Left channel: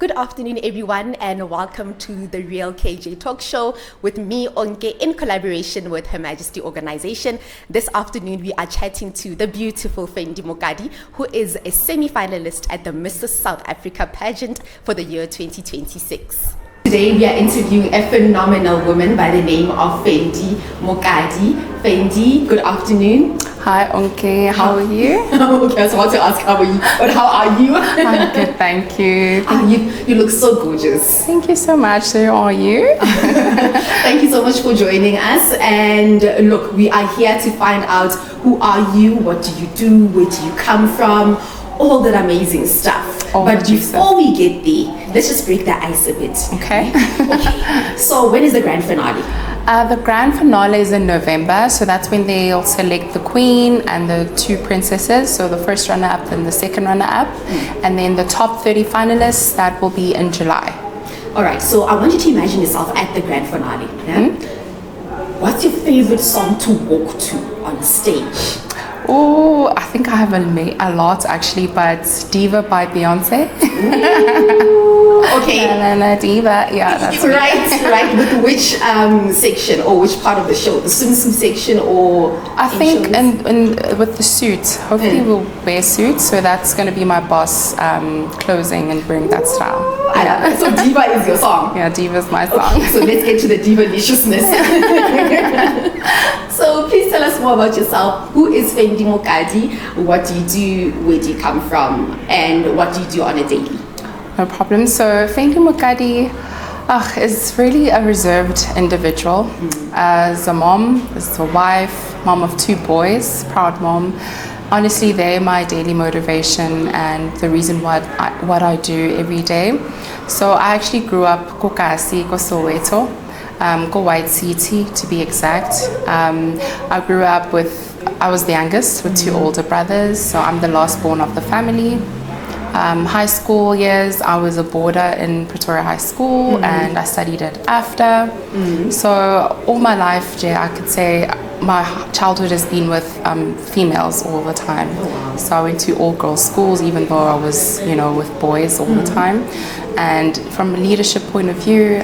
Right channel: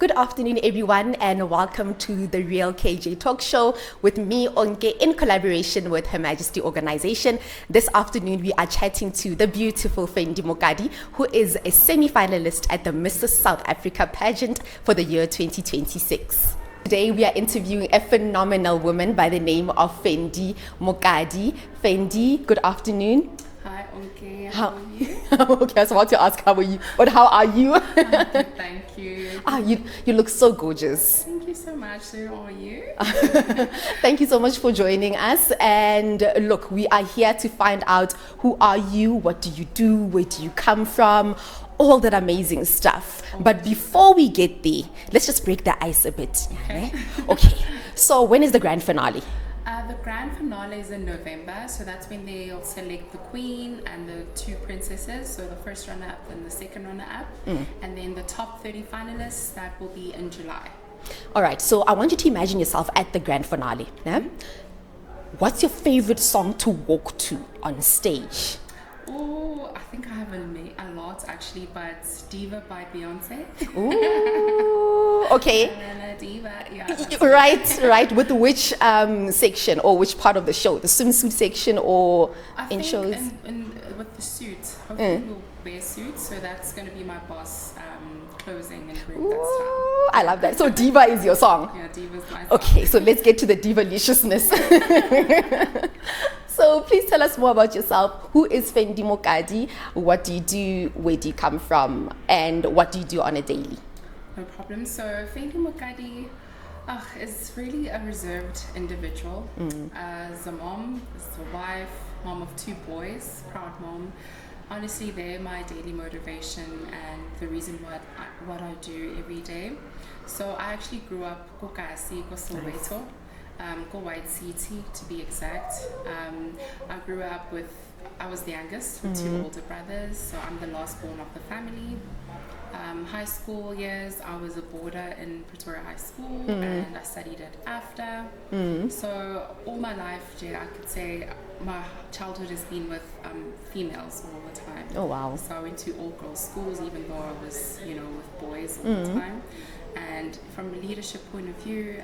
Good afternoon, everyone, and welcome to the Real KJ Talk Show with me, Onke, in collaboration with Her Majesty Organization. This afternoon, we are chatting to the beautiful Fendi Mokadi, who is a semi-finalist at the Mrs. South Africa pageant for the year 2026. Today, we are interviewing a phenomenal woman by the name of Fendi Mokadi. Fendi, good afternoon. Hi, Onke. How are you? Okay, I was about to ask how are you, but how are you? I'm good, thank you. You look so gorgeous. Thank you so much. So are you? Thank you so much for joining us. And look, we are here to find out who are you, what do you do, where do you come from, all that amazing stuff. But before we get there, let's just break the ice a bit. Okay. Okay. So when is the grand finale? The grand finale is in November, so that's when they'll select the queen and the two princesses, so the first runner-up and the second runner-up, and then the top 30 finalists, that will be in July. All right, so I want you to imagine yourself at the grand finale. Yeah? What's your favorite song to walk to on stage? Oh, I think I have a lot actually, but Diva by Beyonce. Ooh, okay. La Diva, yeah. That's right. With which section or which part of the show? The swimsuit section or? I think with the suit. Hopefully we'll wear suits, so that's going to be my boss closing and bring that style. I love that. So Diva is your song? Yeah, Diva's my song. Okay, so let's get to the diva-liciousness. So please tell us more about yourself. Who is Fendi Mokadi? What do you do? Where do you come from? And what do you do on a daily? No problem. So Fendi Mokadi is really a reserved individual. As a mom, as a wife, mom of two boys, proud mom. Honestly, they're my daily motivation and the reason what I do every day. So I actually grew up Kokasi, Soweto, White City to be exact. I grew up I was the youngest with two older brothers, so I'm the last born of the family. High school years, I was a boarder in Pretoria High School and I studied at AFTA. So all my life, I could say my childhood has been with females all the time. Oh, wow. So I went to all girls schools even though I was, with boys all the time. And from a leadership point of view,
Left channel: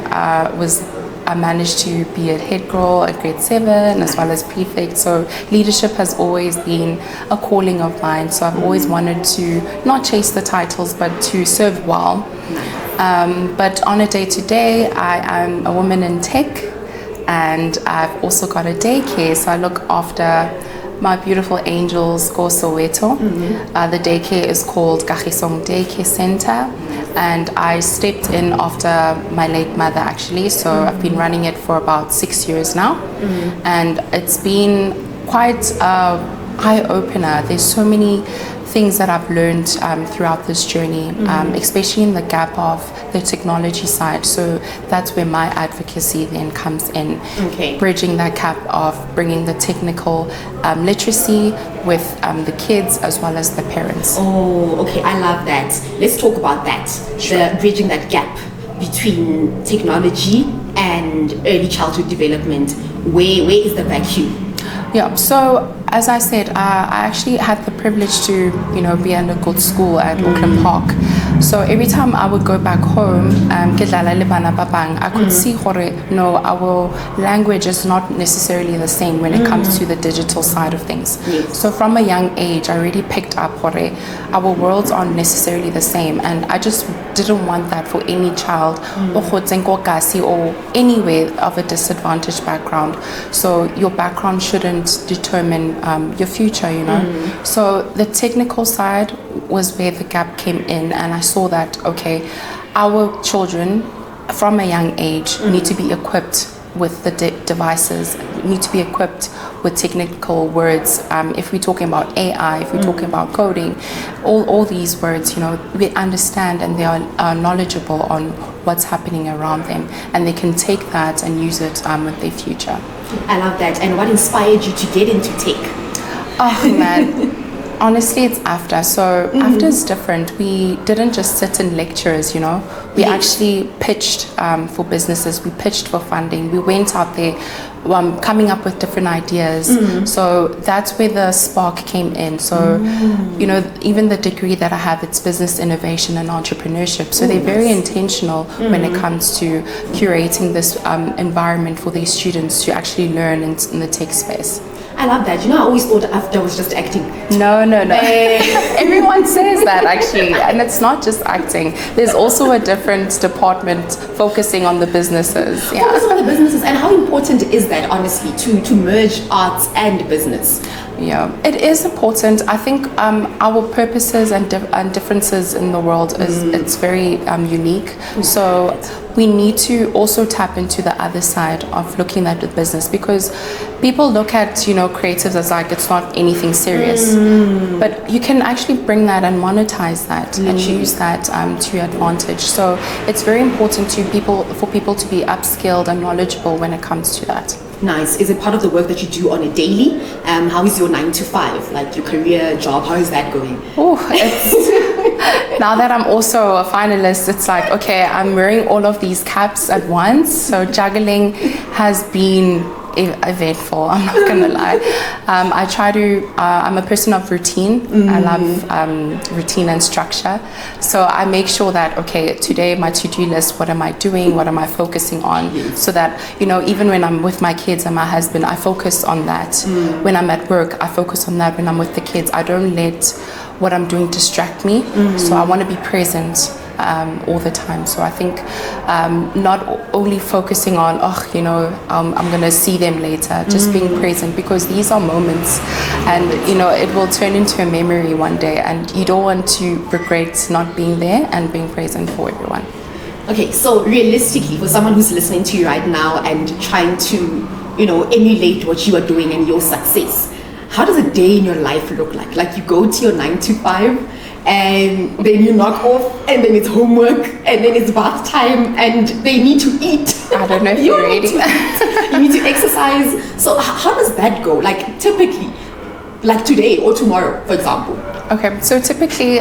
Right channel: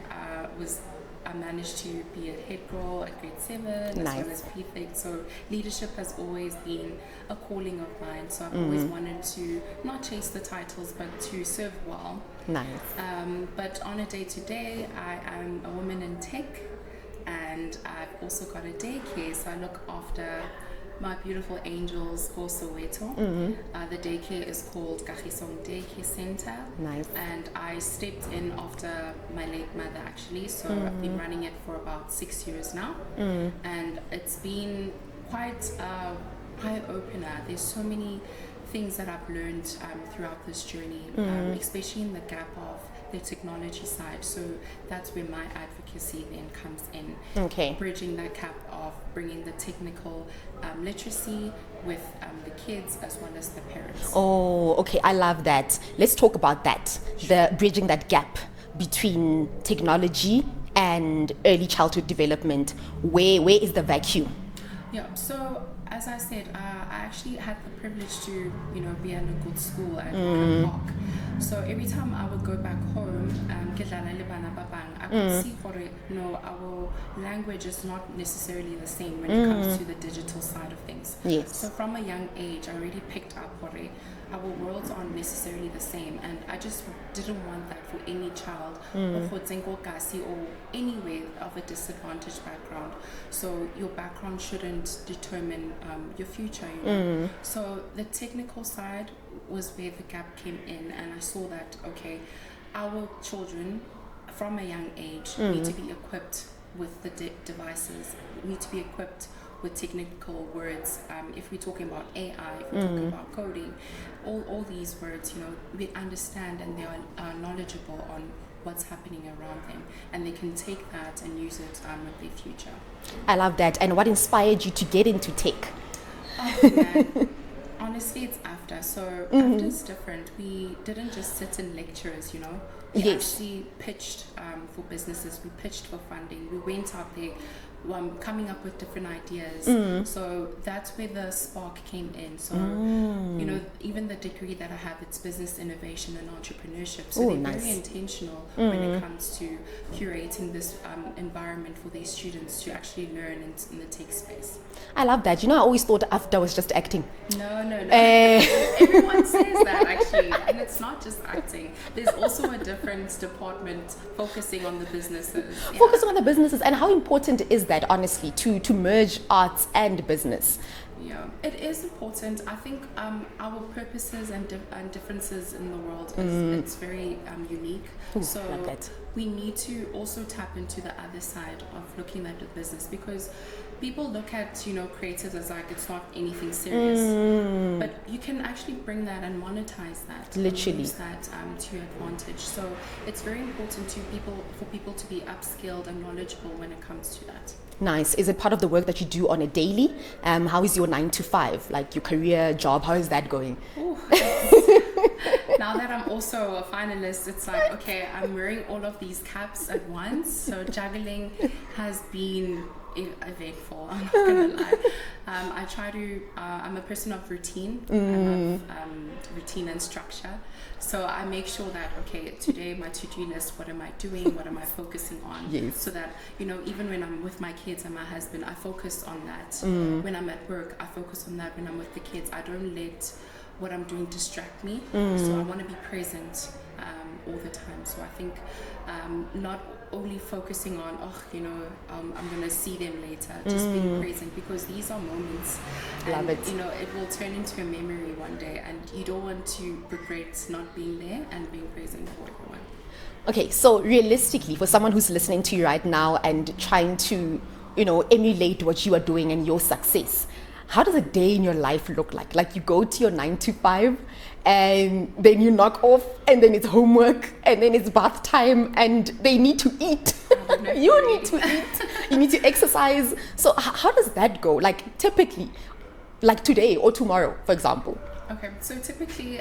I managed to be a head girl at grade 7 as well as prefect. So leadership has always been a calling of mine. So I've always wanted to not chase the titles, but to serve well. But on a day-to-day, I am a woman in tech, and I've also got a daycare. So I look after my beautiful angels, Go Soweto. The daycare is called Kagisong Daycare Center, and I stepped in after my late mother actually. So I've been running it for about 6 years now, and it's been quite an eye-opener. There's so many things that I've learned throughout this journey, especially in the gap of the technology side. So that's where my advocacy then comes in, bridging that gap of bringing the technical literacy with the kids as well as the parents. Oh, okay, I love that. Let's talk about that. The bridging that gap between technology and early childhood development. Where is the vacuum? Yeah, so as I said, I actually had the privilege to, be at a good school at Auckland Park. So every time I would go back home, I could see our language is not necessarily the same when it comes to the digital side of things. Yes. So from a young age, I already picked up our worlds aren't necessarily the same, and I just didn't want that for any child or anywhere of a disadvantaged background. So your background shouldn't determine your future, So the technical side was where the gap came in, and I saw that, our children from a young age need to be equipped with the devices, need to be equipped with technical words. If we're talking about AI, if we're talking about coding, all these words, we understand and they are knowledgeable on what's happening around them, and they can take that and use it with their future. I love that. And what inspired you to get into tech? Oh man, Honestly, it's after. So after is different. We didn't just sit in lectures, you know. We actually pitched for businesses. We pitched for funding. We went out there, coming up with different ideas. So that's where the spark came in. So, you know, even the degree that I have, it's business innovation and entrepreneurship. So they're very intentional when it comes to curating this environment for these students to actually learn in the tech space. I love that. You know, I always thought after was just acting. No. Everyone says that actually, and it's not just acting. There's also a different department focusing on the businesses. Focus on the businesses, and how important is that, honestly, to merge arts and business? Yeah, it is important. I think our purposes and differences in the world is it's very unique. So we need to also tap into the other side of looking at the business, because people look at, you know, creatives as like it's not anything serious, but you can actually bring that and monetize that and use that to your advantage. So it's very important for people to be upskilled and knowledgeable when it comes to that. Nice. Is it part of the work that you do on a daily? How is your 9 to 5, like your career job? How is that going? Now that I'm also a finalist, it's like, okay, I'm wearing all of these caps at once. So juggling has been eventful, I'm not gonna lie. I try to, I'm a person of routine. I love routine and structure. So I make sure that, okay, today my to-do list, what am I doing? What am I focusing on? So that, you know, even when I'm with my kids and my husband, I focus on that. When I'm at work, I focus on that. When I'm with the kids, I don't let what I'm doing distract me. So I want to be present all the time. So I think not only focusing on, you know, I'm going to see them later, just being present, because these are moments and, you know, it will turn into a memory one day, and you don't want to regret not being there and being present for everyone. Okay, so realistically, for someone who's listening to you right now and trying to, you know, emulate what you are doing and your success, how does a day in your life look like? Like you go to your 9 to 5 and then you knock off, and then it's homework, and then it's bath time, and they need to eat. I don't know if you're ready. You need to exercise. So how does that go? Like typically, like today or tomorrow, for example. Okay, so typically,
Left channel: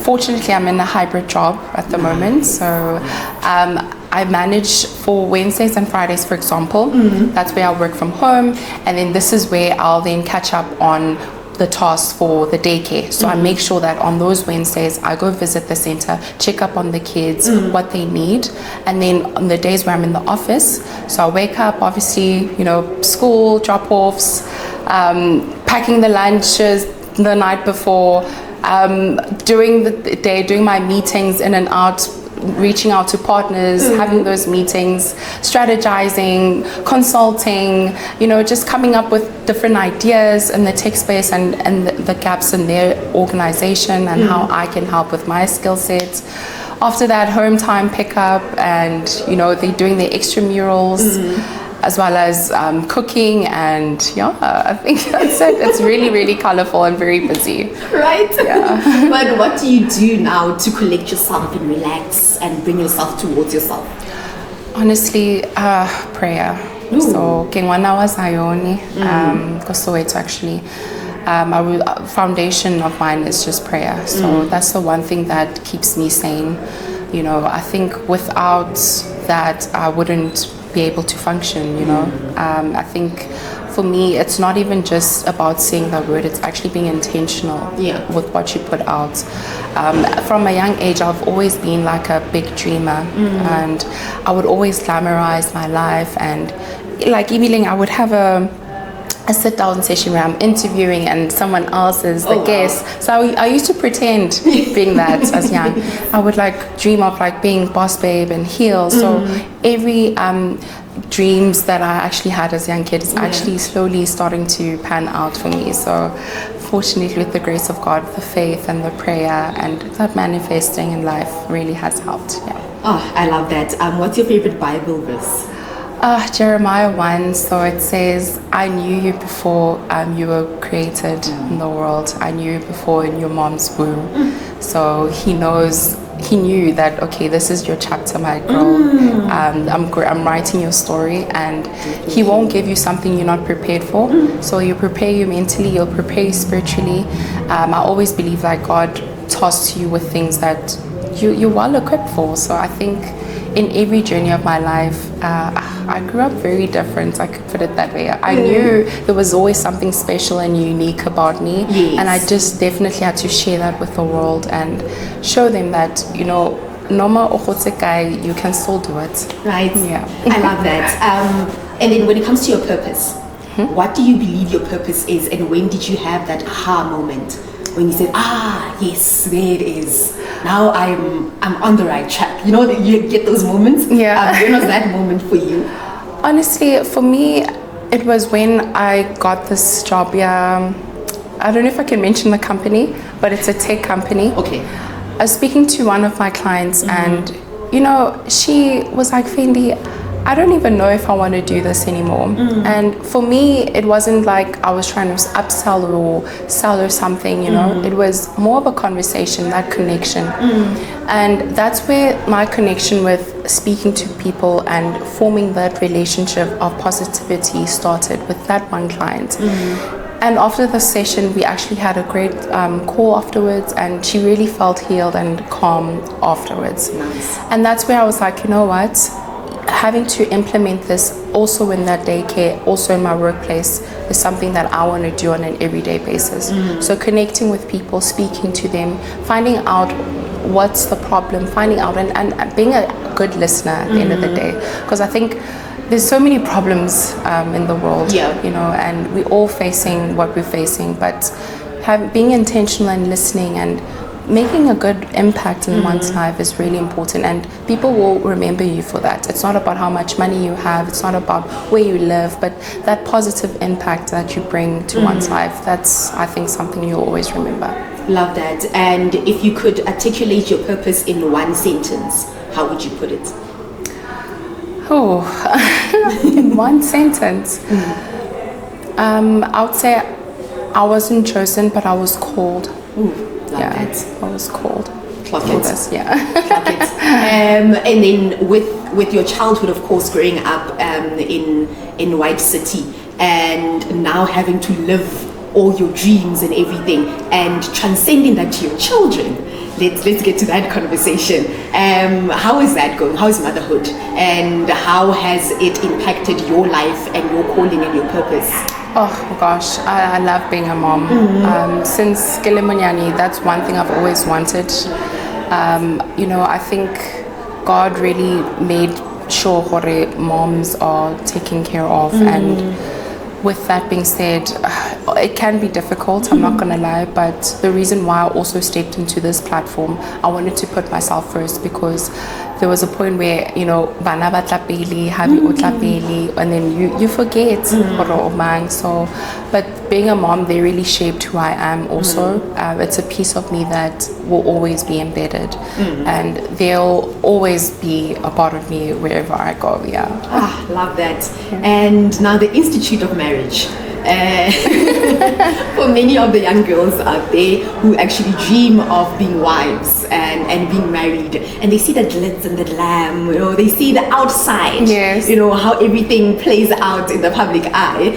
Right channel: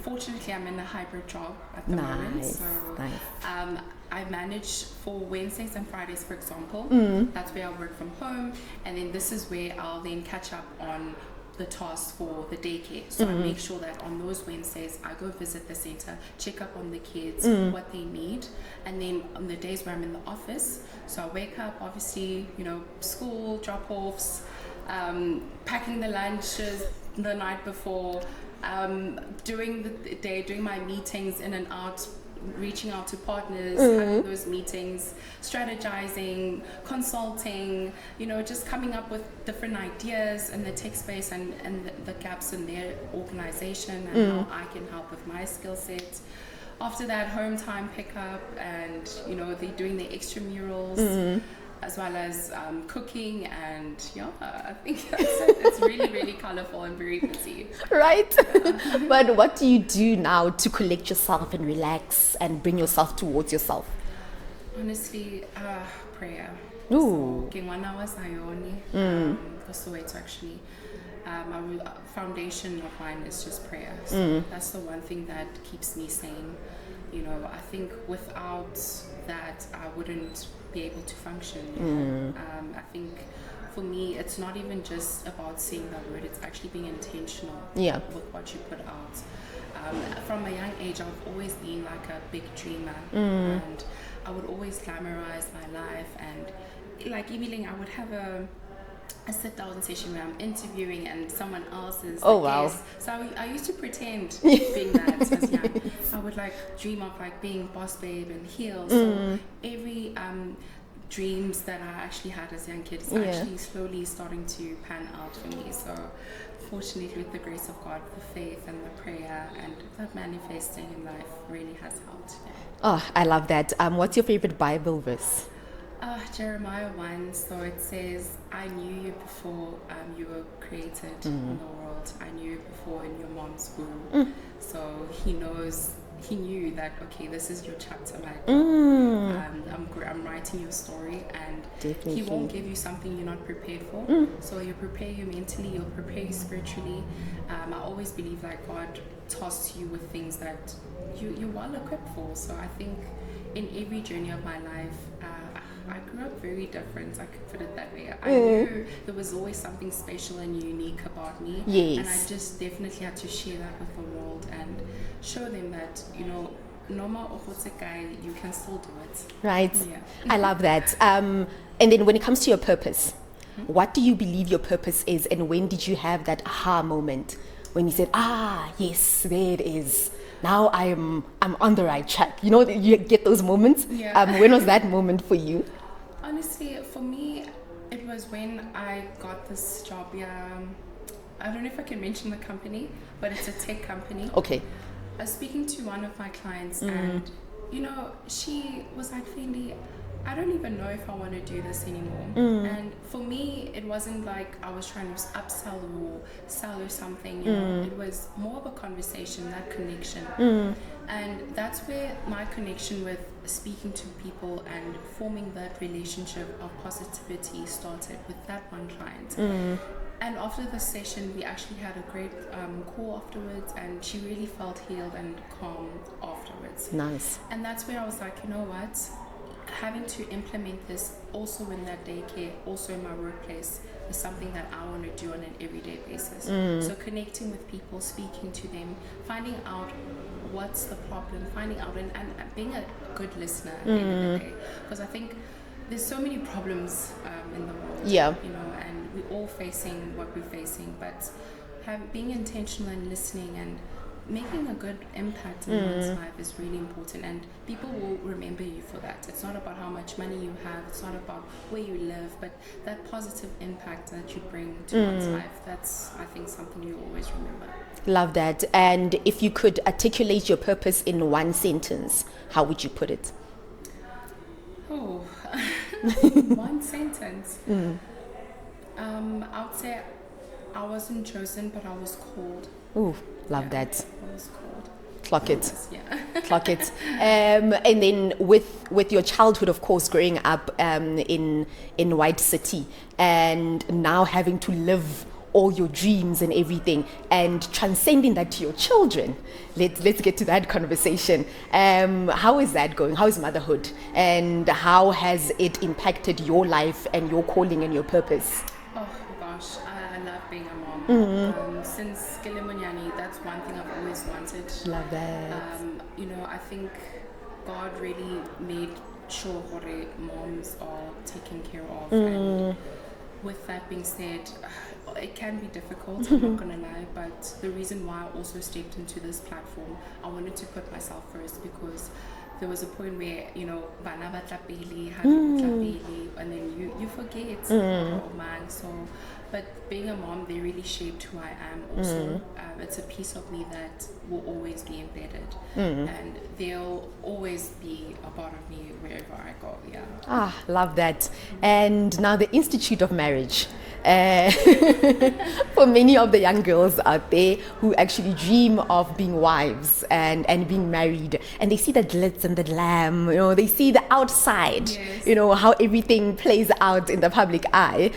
fortunately, I'm in a hybrid job at the moment. So I manage for Wednesdays and Fridays, for example. That's where I work from home, and then this is where I'll then catch up on the tasks for the daycare. So I make sure that on those Wednesdays I go visit the center, check up on the kids, what they need, and then on the days where I'm in the office, so I wake up, obviously, you know, school drop-offs, packing the lunches the night before, during the day, doing my meetings in and out, reaching out to partners, having those meetings, strategizing, consulting, you know, just coming up with different ideas in the tech space and the gaps in their organization and how I can help with my skill sets. After that, home time pickup, and, you know, they're doing their extramurals, as well as cooking, and I think that's it. It's really, really colorful and very busy. Right? Yeah. But what do you do now to collect yourself and relax and bring yourself towards yourself? Honestly, prayer. Ooh. So, Kengwana was Ioni, Kosoweto actually. Our foundation of mine is just prayer. So that's the one thing that keeps me sane. You know, I think without that, I wouldn't be able to function, you know. I think for me, it's not even just about saying that word, it's actually being intentional with what you put out. From a young age, I've always been like a big dreamer, and I would always glamorize my life, and like even I would have a sit-down session where I'm interviewing and someone else is the guest. So I used to pretend being that as young. I would like dream of like being boss babe and heels. So every dreams that I actually had as a young kid is actually slowly starting to pan out for me. So fortunately, with the grace of God, the faith and the prayer and that manifesting in life really has helped. Yeah. Oh, I love that. What's your favorite Bible verse? Jeremiah 1, so it says, I knew you before you were created in the world. I knew you before in your mom's womb. So he knows he knew that, okay, this is your chapter, my girl. I'm writing your story, and he won't give you something you're not prepared for. So he'll prepare you mentally, he'll prepare you spiritually. I always believe that God tossed you with things that you're well equipped for. So I think in every journey of my life, I grew up very different, I could put it that way. I knew there was always something special and unique about me, and I just definitely had to share that with the world and show them that, you know, Noma Okhotsekai, you can still do it. Right. Yeah. I love that. And then when it comes to your purpose, what do you believe your purpose is, and when did you have that aha moment when you said, yes, there it is. Now I'm on the right track. You know, you get those moments. Yeah. When was that moment for you? Honestly, for me, it was when I got this job. Yeah, I don't know if I can mention the company, but it's a tech company. Okay. I was speaking to one of my clients, and you know, she was like, Fendi, I don't even know if I want to do this anymore. And for me, it wasn't like I was trying to upsell or sell her something, you know. It was more of a conversation, that connection. And that's where my connection with speaking to people and forming that relationship of positivity started with that one client. And after the session, we actually had a great call afterwards, and she really felt healed and calm afterwards. Nice. And that's where I was like, you know what? Having to implement this also in that daycare, also in my workplace, is something that I want to do on an everyday basis. So connecting with people, speaking to them, finding out what's the problem, finding out and being a good listener at the end of the day. Because I think there's so many problems in the world, you know, and we're all facing what we're facing, but being intentional and listening and making a good impact in one's life is really important, and people will remember you for that. It's not about how much money you have, it's not about where you live, but that positive impact that you bring to one's life, that's, I think, something you'll always remember. Love that. And if you could articulate your purpose in one sentence, how would you put it? Oh, in one sentence. I would say I wasn't chosen, but I was called. Ooh. Love that. I was called. Clock it. Clock it. And then with your childhood, of course, growing up in White City, and now having to live all your dreams and everything, and transcending that to your children. Let's get to that conversation. How is that going? How is motherhood? And how has it impacted your life and your calling and your purpose? Oh gosh, I love being a mom. Since Kilimanyani, that's one thing I've always wanted. You know, I think God really made sure moms are taken care of, and with that being said, it can be difficult, I'm not gonna lie, but the reason why I also stepped into this platform, I wanted to put myself first, because there was a point where, you know, bana ba tla pele, habi o tla pele, and then you forget so, but being a mom, they really shaped who I am also. It's a piece of me that will always be embedded, and they'll always be a part of me wherever I go. Love that. And now the Institute of Marriage. For many of the young girls out there who actually dream of being wives and being married, and they see the glitz and the glam, you know, they see the outside, you know, how everything plays out in the public eye.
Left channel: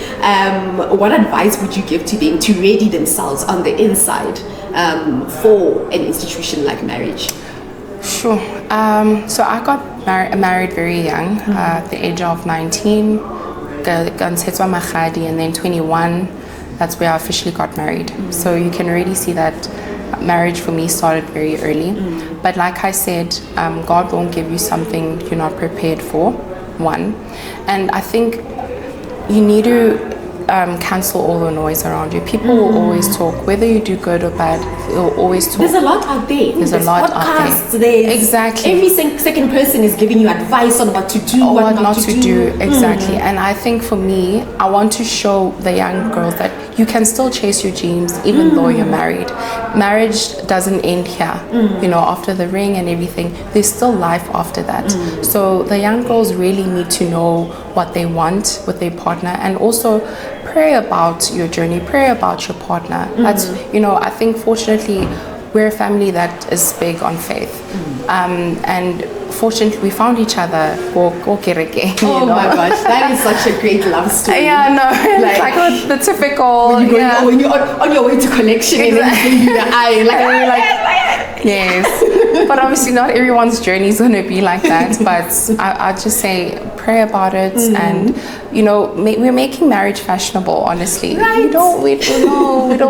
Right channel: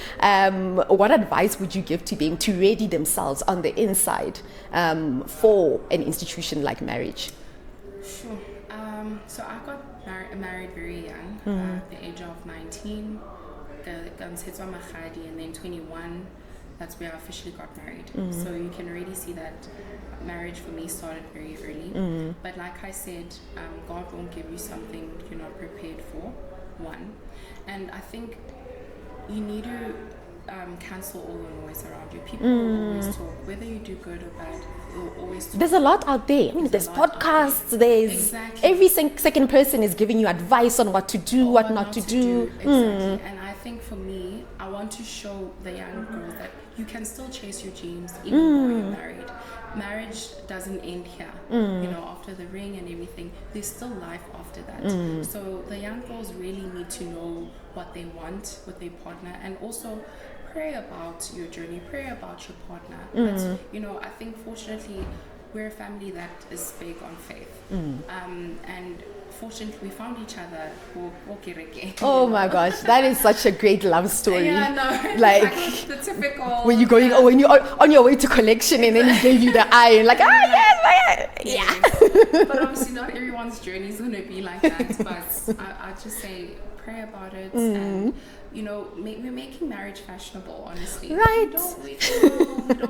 What advice would you give to them to ready themselves on the inside for an institution like marriage? Sure. So I got married very young, at the age of 19. Mokadi, and then 21, that's where I officially got married. So you can already see that marriage for me started very early. But like I said, God won't give you something you're not prepared for, one. And I think you need to cancel all the noise around you. People will always talk, whether you do good or bad, they'll always talk. There's a lot out there. There's a lot podcasts, out there. Exactly. Every second person is giving you advice on what to do, what not to do. Exactly. And I think for me, I want to show the young girls that you can still chase your dreams even though you're married. Marriage doesn't end here. You know, after the ring and everything, there's still life after that. So the young girls really need to know what they want with their partner, and also pray about your journey, pray about your partner. That's, you know, I think fortunately we're a family that is big on faith. And fortunately, we found each other. Oh my gosh, that is such a great love story. Yeah, no, like the typical. When you're going, when you're on your way to collection, and then he gave you the eye, like, yes. But obviously, not everyone's journey is going to be like that. But I just say, pray about it, and we're making marriage fashionable. Honestly, right. we don't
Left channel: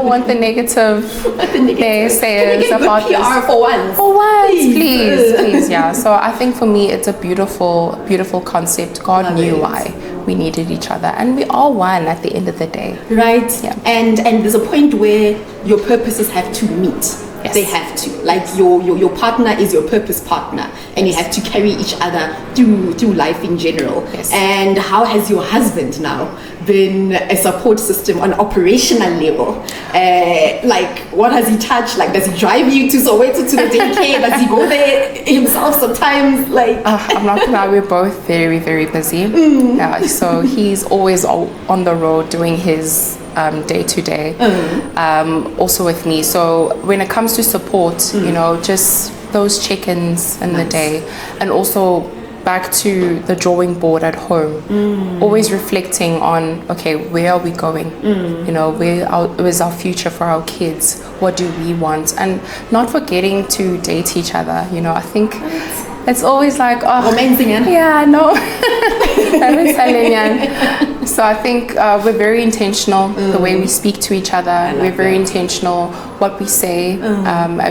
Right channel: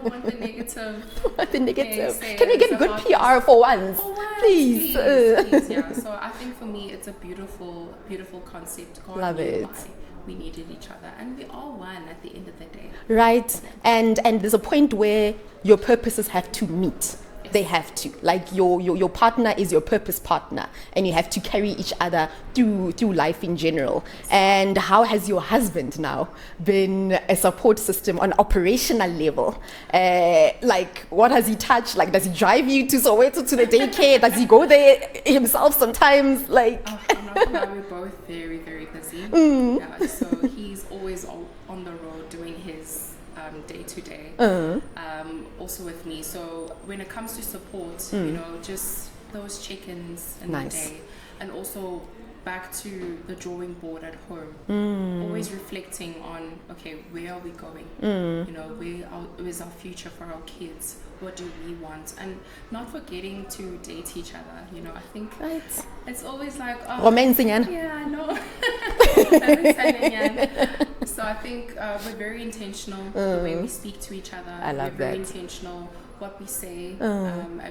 want the negative. Naysayers. Can we get good about PR this. for once? For once, please, yeah. So I think for me, it's a beautiful, beautiful concept. God knew why we needed each other, and we are one at the end of the day. Right. Yeah. And there's a point where your purposes have to meet. Yes. They have to. Like your partner is your purpose partner, and you have to carry each other through life in general. Yes. And how has your husband now been a support system on operational level? Like, what has he touched? Like, does he drive you to Soweto to the daycare? Does he go there himself sometimes? Like, I'm not gonna lie, we're both very, very busy. Yeah, so he's always on the road doing his day to day, also with me. So when it comes to support, just those check-ins in the day, and also back to the drawing board at home, always reflecting on, okay, where are we going? Where is our future for our kids? What do we want? And not forgetting to date each other. I think it's always like, romancing, yeah, I know. So I think we're very intentional the way we speak to each other. We're very intentional what we say,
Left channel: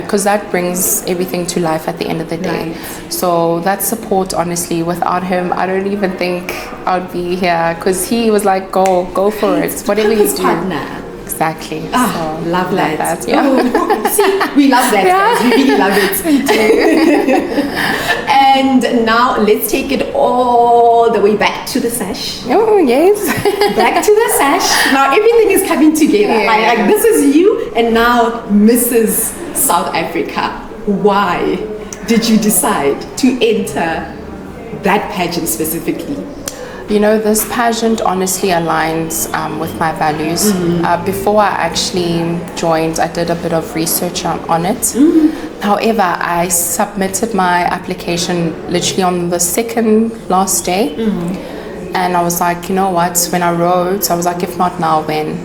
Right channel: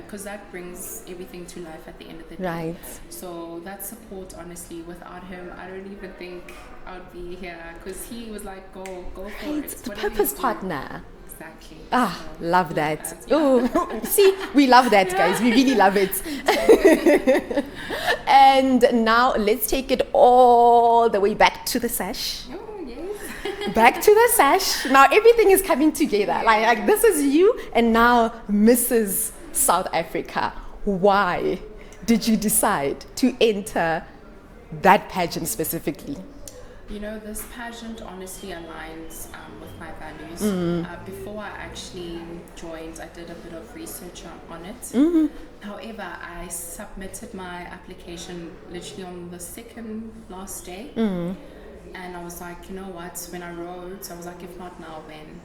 because that brings everything to life at the end of the day. Right. So that support, honestly, without him, I don't even think I'd be here, because he was like, go for it, whatever you do. Partner. Exactly. So, love that. Yeah. See, we love that, guys. We really love it. And now let's take it all the way back to the sash. Oh, yes. Back to the sash. Now everything is coming together. Yeah. Like this is you, and now Mrs. South Africa. Why did you decide to enter that pageant specifically? This pageant honestly aligns with my values. Before I actually joined, I did a bit of research on it. However, I submitted my application literally on the second last day. And I was like, you know what, when I wrote, I was like, if not now, when?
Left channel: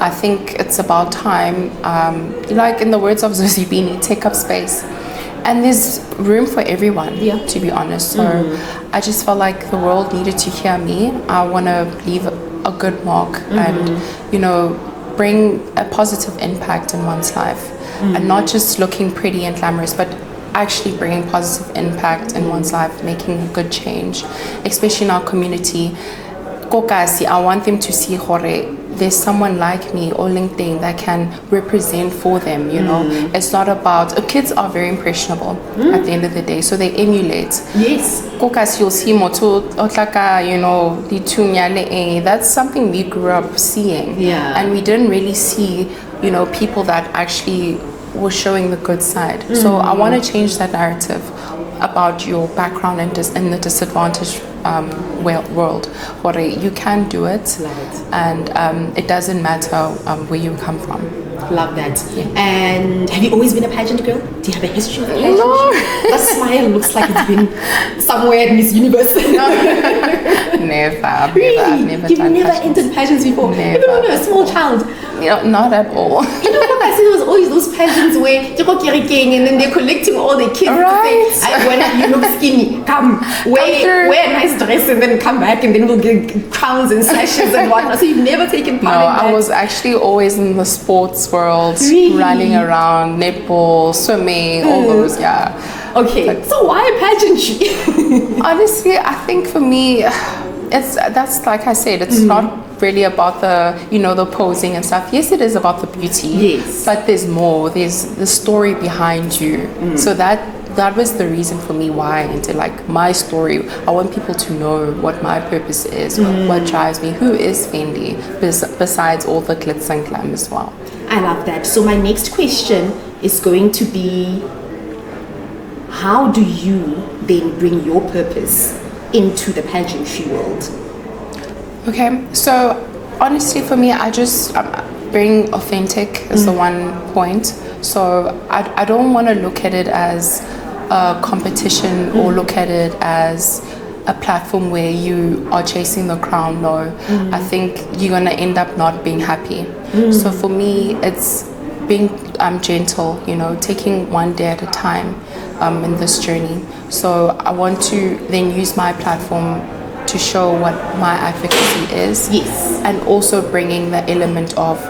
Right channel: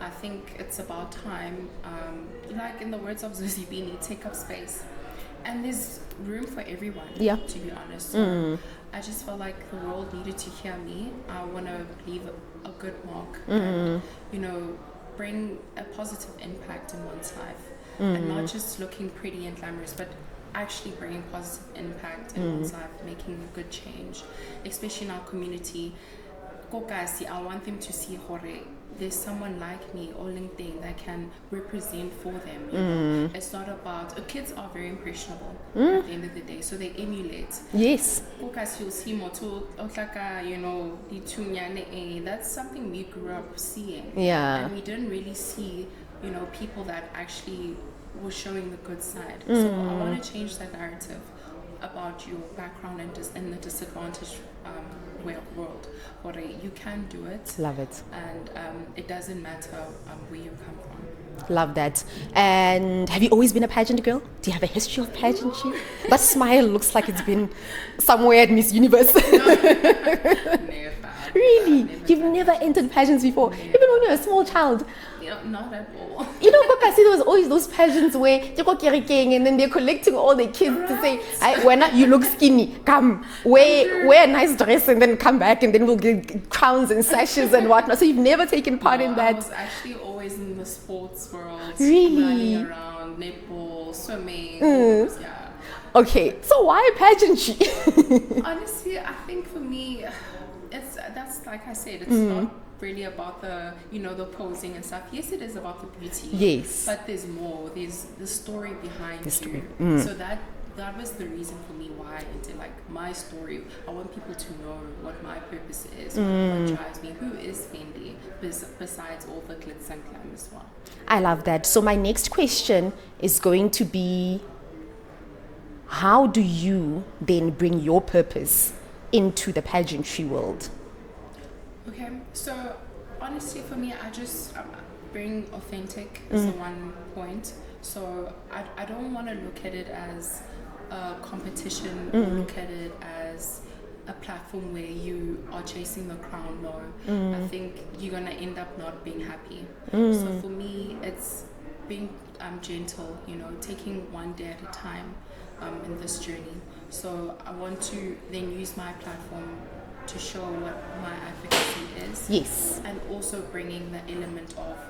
I think it's about time, like in the words of Zuzibini, take up space. And there's room for everyone, to be honest. So I just felt like the world needed to hear me. I want to leave a good mark and, bring a positive impact in one's life. And not just looking pretty and glamorous, but actually bringing positive impact in one's life, making a good change, especially in our community. Kokasi, I want them to see hore. There's someone like me or LinkedIn that can represent for them, It's not about, kids are very impressionable at the end of the day, so they emulate. Yes. Kokasi, you'll see moto, otlaka, that's something we grew up seeing. Yeah. And we didn't really see, people that actually were showing the good side. So I want to change that narrative about your background and the disadvantaged world. What you can do it. Love it. And it doesn't matter where you come from. Love that. Yeah. And have you always been a pageant girl? Do you have a history of pageant? No. That smile looks like it's been somewhere at Miss Universe. Never. Really? You've never entered pageants before? Never. Even when you were a small child? Not at all. I see there was always those pageants where and then they're collecting all the kids to say, when you look skinny, come, wear a nice dress and then come back and then we'll get crowns and sashes and whatnot. So you've never taken part in that? I was actually always in the sports world, running around, netball, swimming, all those, Okay, so why pageantry? Honestly, I think for me, that's like I said, it's not really about the posing and stuff. Yes, it is about the beauty. Yes. But there's more. There's the story behind you. So that was the reason for me why I entered, like, my story. I want people to know what my purpose is, what drives me, who is Fendi, besides all the glitz and glam as well. I love that. So my next question is going to be, how do you then bring your purpose into the pageantry world? Okay, so honestly for me, I just being authentic is the one point. So I don't want to look at it as a competition or look at it as a platform where you are chasing the crown. No, I think you're gonna end up not being happy. So for me, it's being gentle, you know, taking one day at a time in this journey. So I want to then use my platform to show what my advocacy is. Yes. And also bringing the element of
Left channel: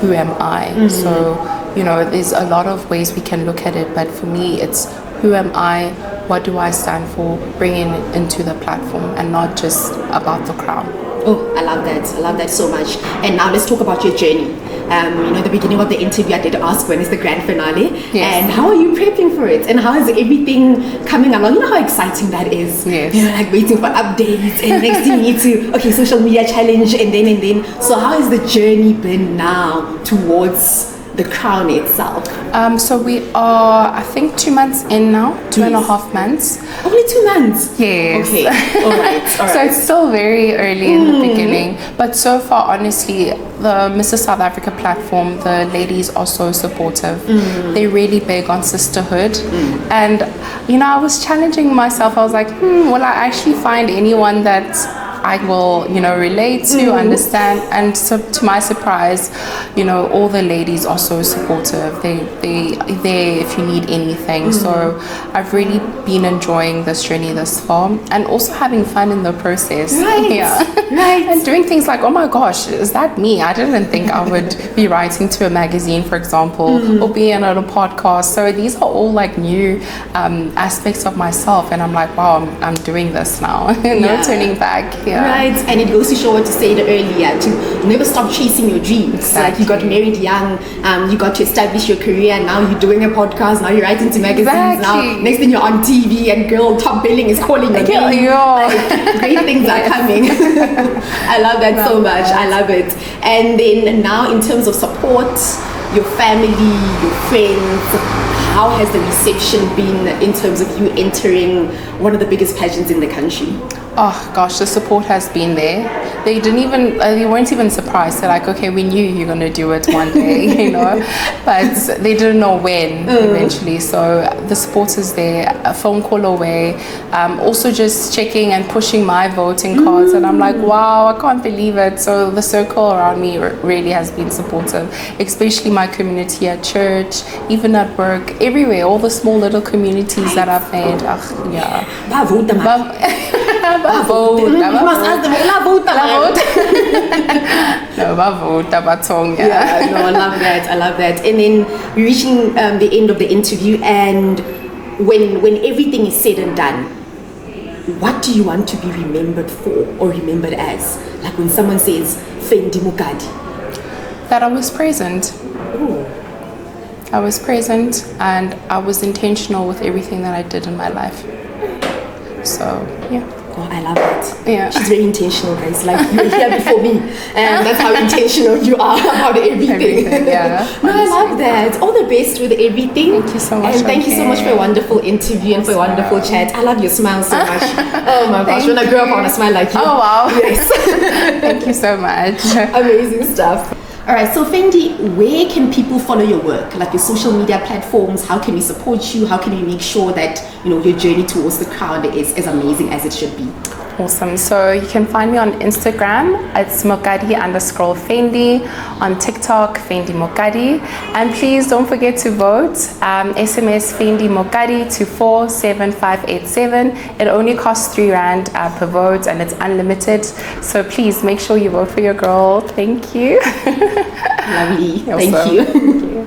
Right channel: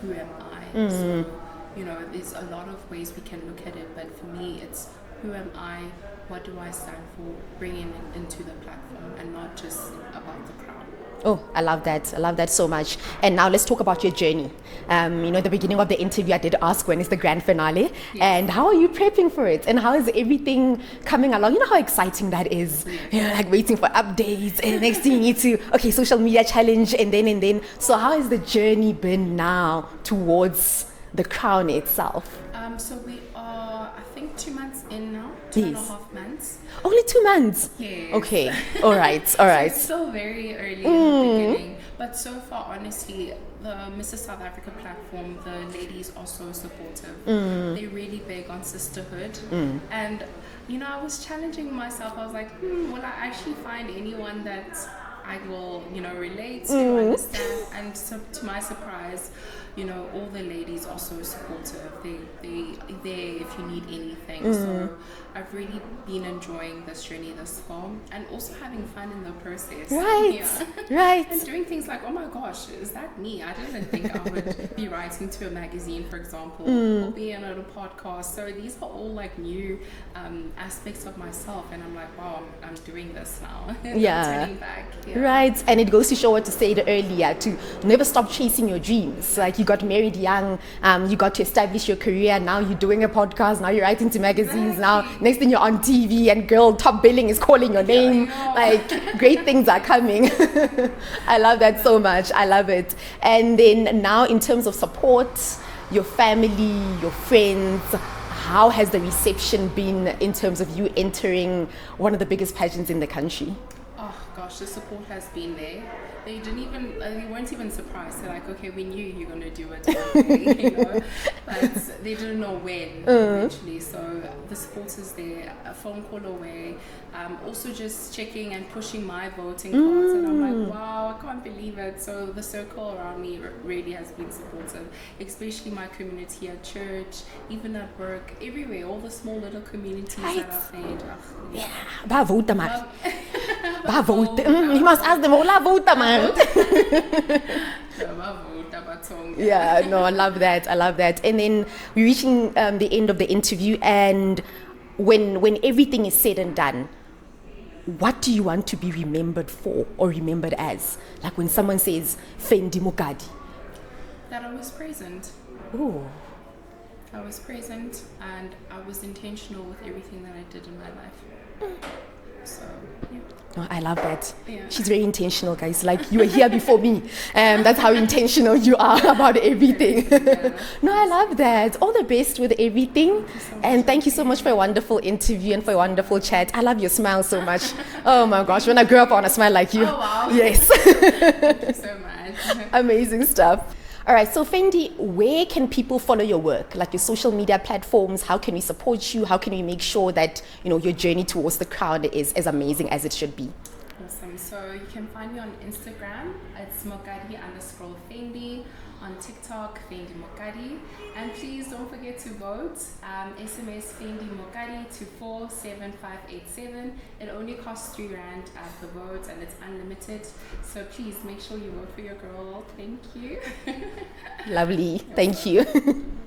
who am I. So, you know, there's a lot of ways we can look at it, but for me, it's who am I, what do I stand for, bringing it into the platform and not just about the crown. Oh, I love that. I love that so much. And now let's talk about your journey. You know, at the beginning of the interview, I did ask when is the grand finale, and how are you prepping for it, and how is everything coming along? You know how exciting that is. Yes. You know, like waiting for updates, and next thing you need to social media challenge, and then. So how has the journey been now towards the crown itself? So we are, I think, 2 months in now, 2.5 months. Only 2 months? Yes. Okay. All right. So it's still very early in the beginning. But so far, honestly, the Mrs. South Africa platform, the ladies are so supportive. They're really big on sisterhood. And, you know, I was challenging myself. I was like, will I actually find anyone that I will, you know, relate to, understand? And so to my surprise, you know, all the ladies are so supportive. They're there if you need anything. So I've really been enjoying this journey thus far, and also having fun in the process. Right. Yeah. Right. And doing things like, oh my gosh, is that me? I didn't think I would be writing to a magazine, for example, or be on a podcast. So these are all like new aspects of myself, and I'm like, wow, I'm doing this now. No turning back. Yeah. Right, and it goes to show what you said earlier, to never stop chasing your dreams. Exactly. Like you got married young, you got to establish your career, now you're doing a podcast, now you're writing to magazines, now next thing you're on TV and girl, top billing is calling your name. Like great things are coming. I love that so much. I love it. And then now in terms of support, your family, your friends, how has the reception been in terms of you entering one of the biggest pageants in the country? Oh gosh, the support has been there. They weren't even surprised. They're like, okay, we knew you're gonna do it one day, you know, but they didn't know when eventually. So the support is there, a phone call away. Also just checking and pushing my voting cards, and I'm like, wow, I can't believe it. So the circle around me really has been supportive, especially my community at church, even at work, everywhere, all the small little communities that I've made. Yeah. You must ask them, yeah, no, I love that. I love that. And then we're reaching the end of the interview, and when everything is said and done, what do you want to be remembered for or remembered as? Like when someone says Fendi Mokadi. That I was present. Ooh. I was present, and I was intentional with everything that I did in my life. So, yeah. Oh, I love that. Yeah. She's very intentional, guys. Like, you were here before me. And that's how intentional you are about everything. Yeah. No, I love that. All the best with everything. Thank you so much. And thank you so much for a wonderful interview and for a wonderful chat. I love your smile so much. Oh my gosh. When I grow up, I want to smile like you. Oh, wow. Yes. Thank you so much. Amazing stuff. All right, so Fendi, where can people follow your work? Like your social media platforms, how can we support you? How can we make sure that, you know, your journey towards the crown is as amazing as it should be? Awesome. So you can find me on Instagram. It's Mokadi_Fendi. On TikTok, Fendi Mokadi. And please don't forget to vote. SMS Fendi Mokadi to 47587. It only costs R3 per vote, and it's unlimited. So please make sure you vote for your girl. Thank you. Lovely. Awesome. Thank you. Thank you.